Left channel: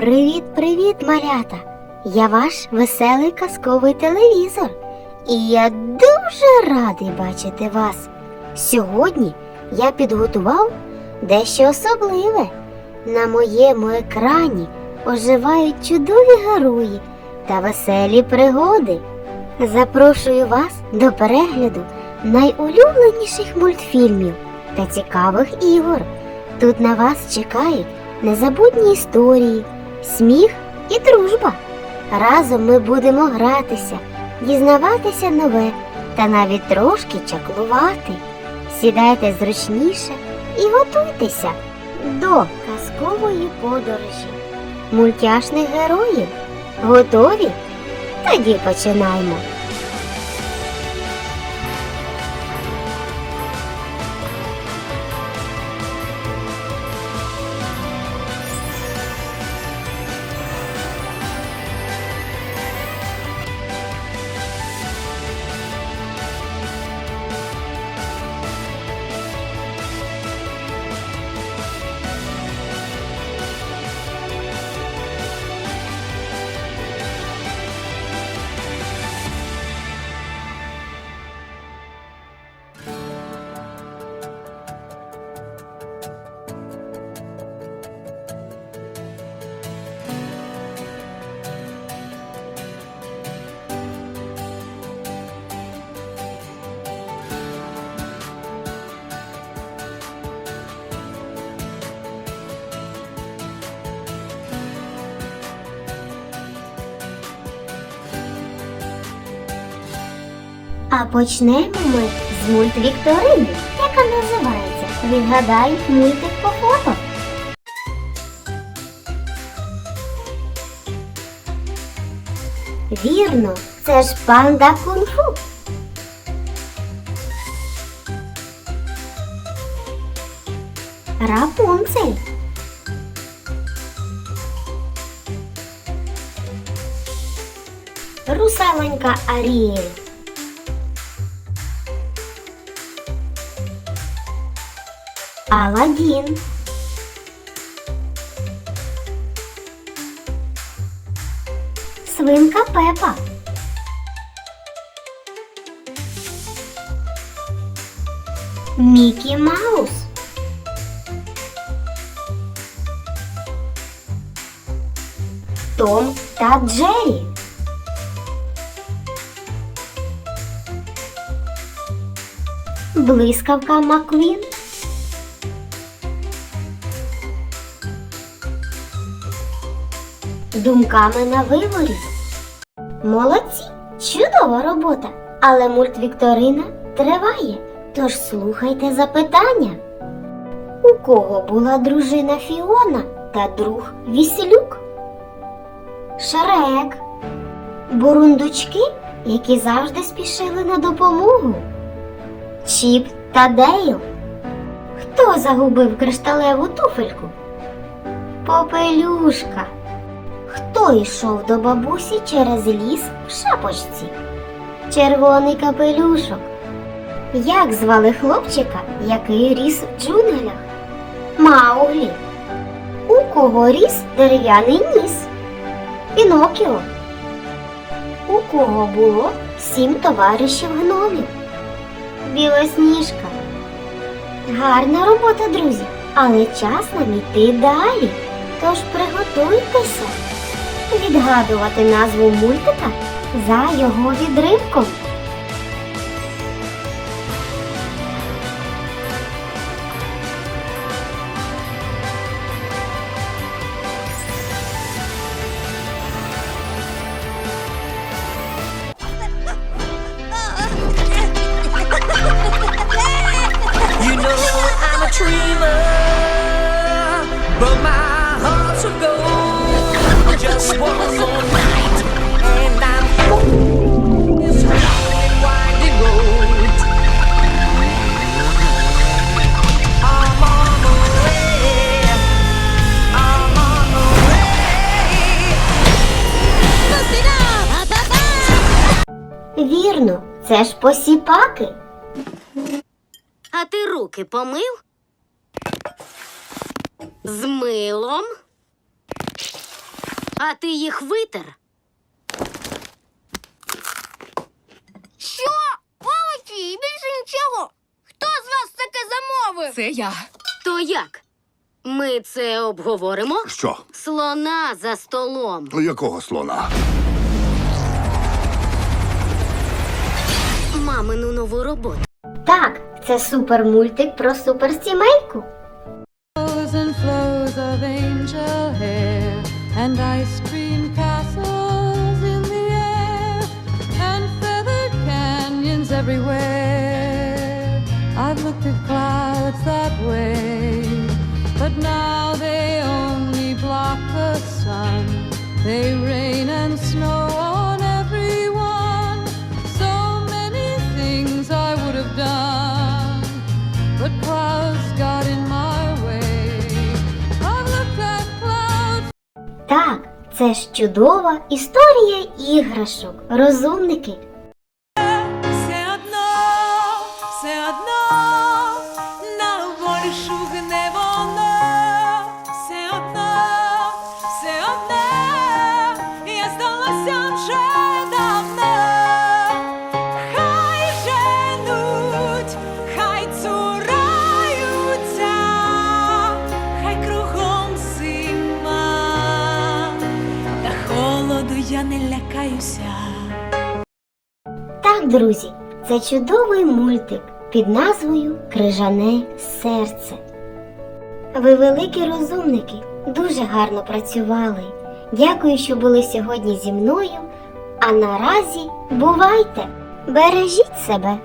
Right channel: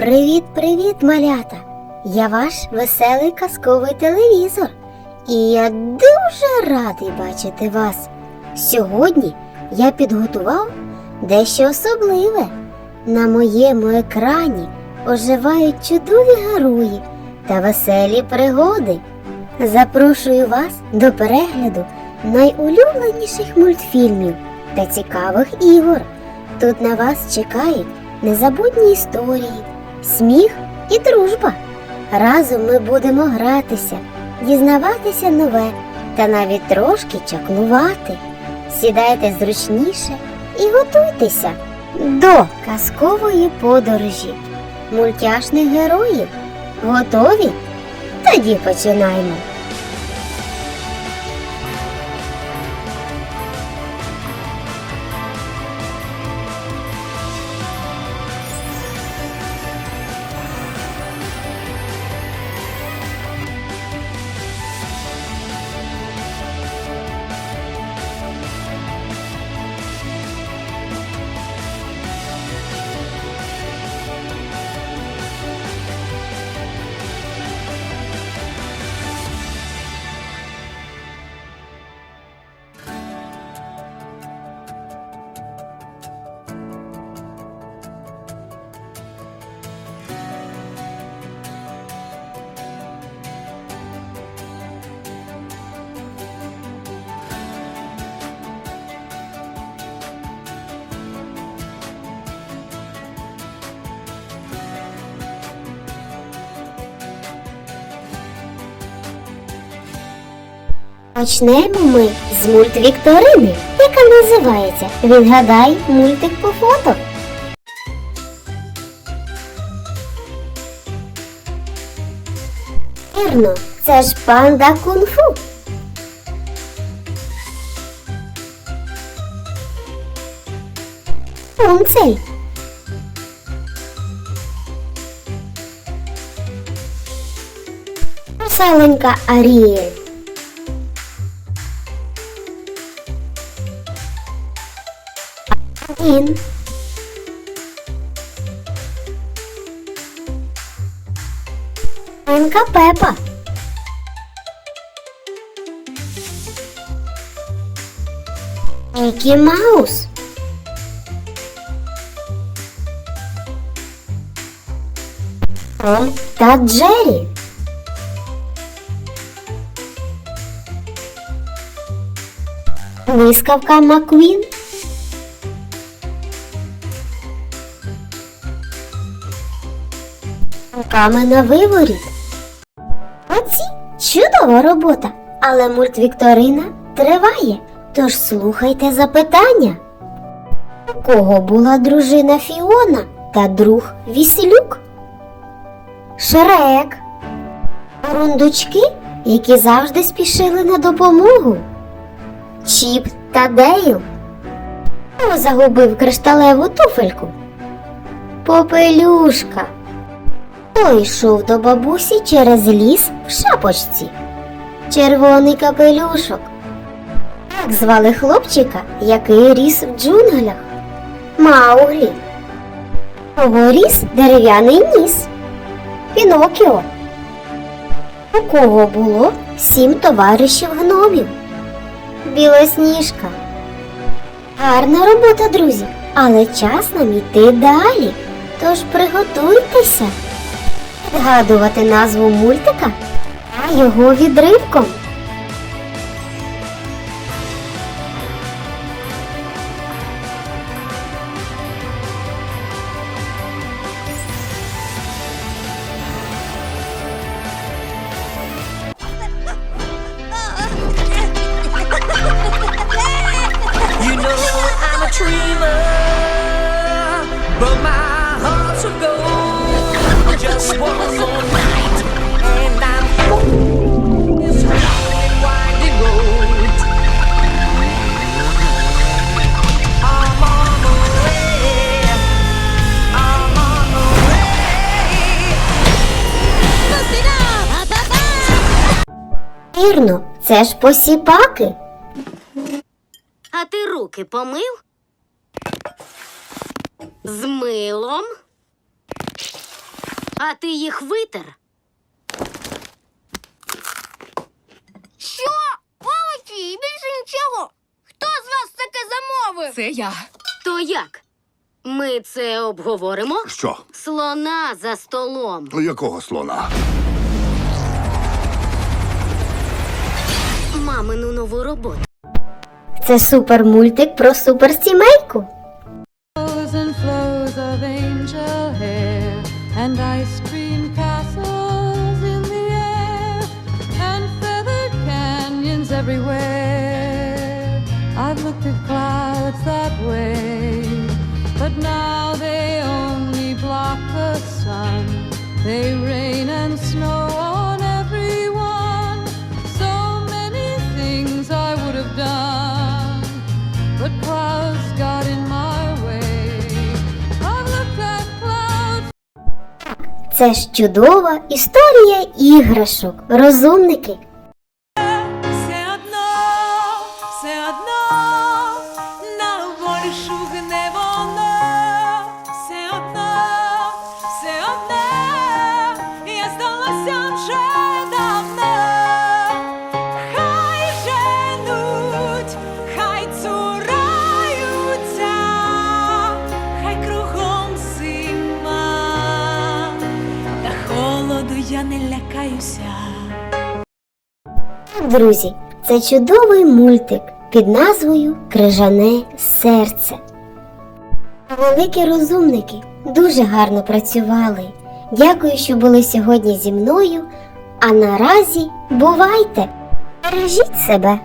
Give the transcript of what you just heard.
Привіт-привіт, малята! Я ваш веселий казковий телевізор. І я дуже радий бачити вас. Сьогодні я підготував дещо особливе. На моєму екрані оживають чудові герої та веселі пригоди. Запрошую вас до перегляду найулюбленіших мультфільмів та цікавих ігор. Тут на вас чекають незабутні історії, сміх і дружба. Разом ми будемо гратися, дізнаватися нове та навіть трошки чаклувати. Сідайте зручніше і готуйтеся до казкової подорожі мультяшних героїв. Готові? Тоді починаємо. А почнемо ми з мультвікторини, яка називається Відгадай мультик по фото. Вірно, це ж панда кунг-фу. Рапунцель. Русаленька Аріель. Аладдін. Свинка Пепа. Мікі Маус. Том та Джері. Блискавка Маквін. Думками на виворіт. Молодці! Чудова робота! Але мультвікторина триває. Тож слухайте запитання. У кого була дружина Фіона та друг Віселюк? Шрек. Бурундучки, які завжди спішили на допомогу. Чіп та Дейл. Хто загубив кришталеву туфельку? Попелюшка. Хто йшов до бабусі через ліс в шапочці? Червоний капелюшок. Як звали хлопчика, який ріс в джунглях? Мауглі. У кого ріс дерев'яний ніс? Пінокіо. У кого було сім товаришів гномів? Білосніжка. Гарна робота, друзі, але час нам іти далі. Тож приготуйтеся відгадувати назву мультика за його відривком. Вірно, це ж посіпаки. А ти руки помив? З милом? А ти їх витер? Що? Молодці, і більше нічого. Хто з вас таке замовив? Це я. То як? Ми це обговоримо? Що? Слона за столом. Якого слона? Мамину нову роботу. Так, це супермультик про суперсімейку. flows and flows of angel hair and ice cream castles in the air and feathered canyons everywhere. I've looked at clouds that way, but now they only block the sun. They це ж чудова історія іграшок. Розумники. Не лякаюся. Так, друзі, це чудовий мультик під назвою Крижане серце. Ви великі розумники, дуже гарно працювали. Дякую, що були сьогодні зі мною. А наразі бувайте! Бережіть себе!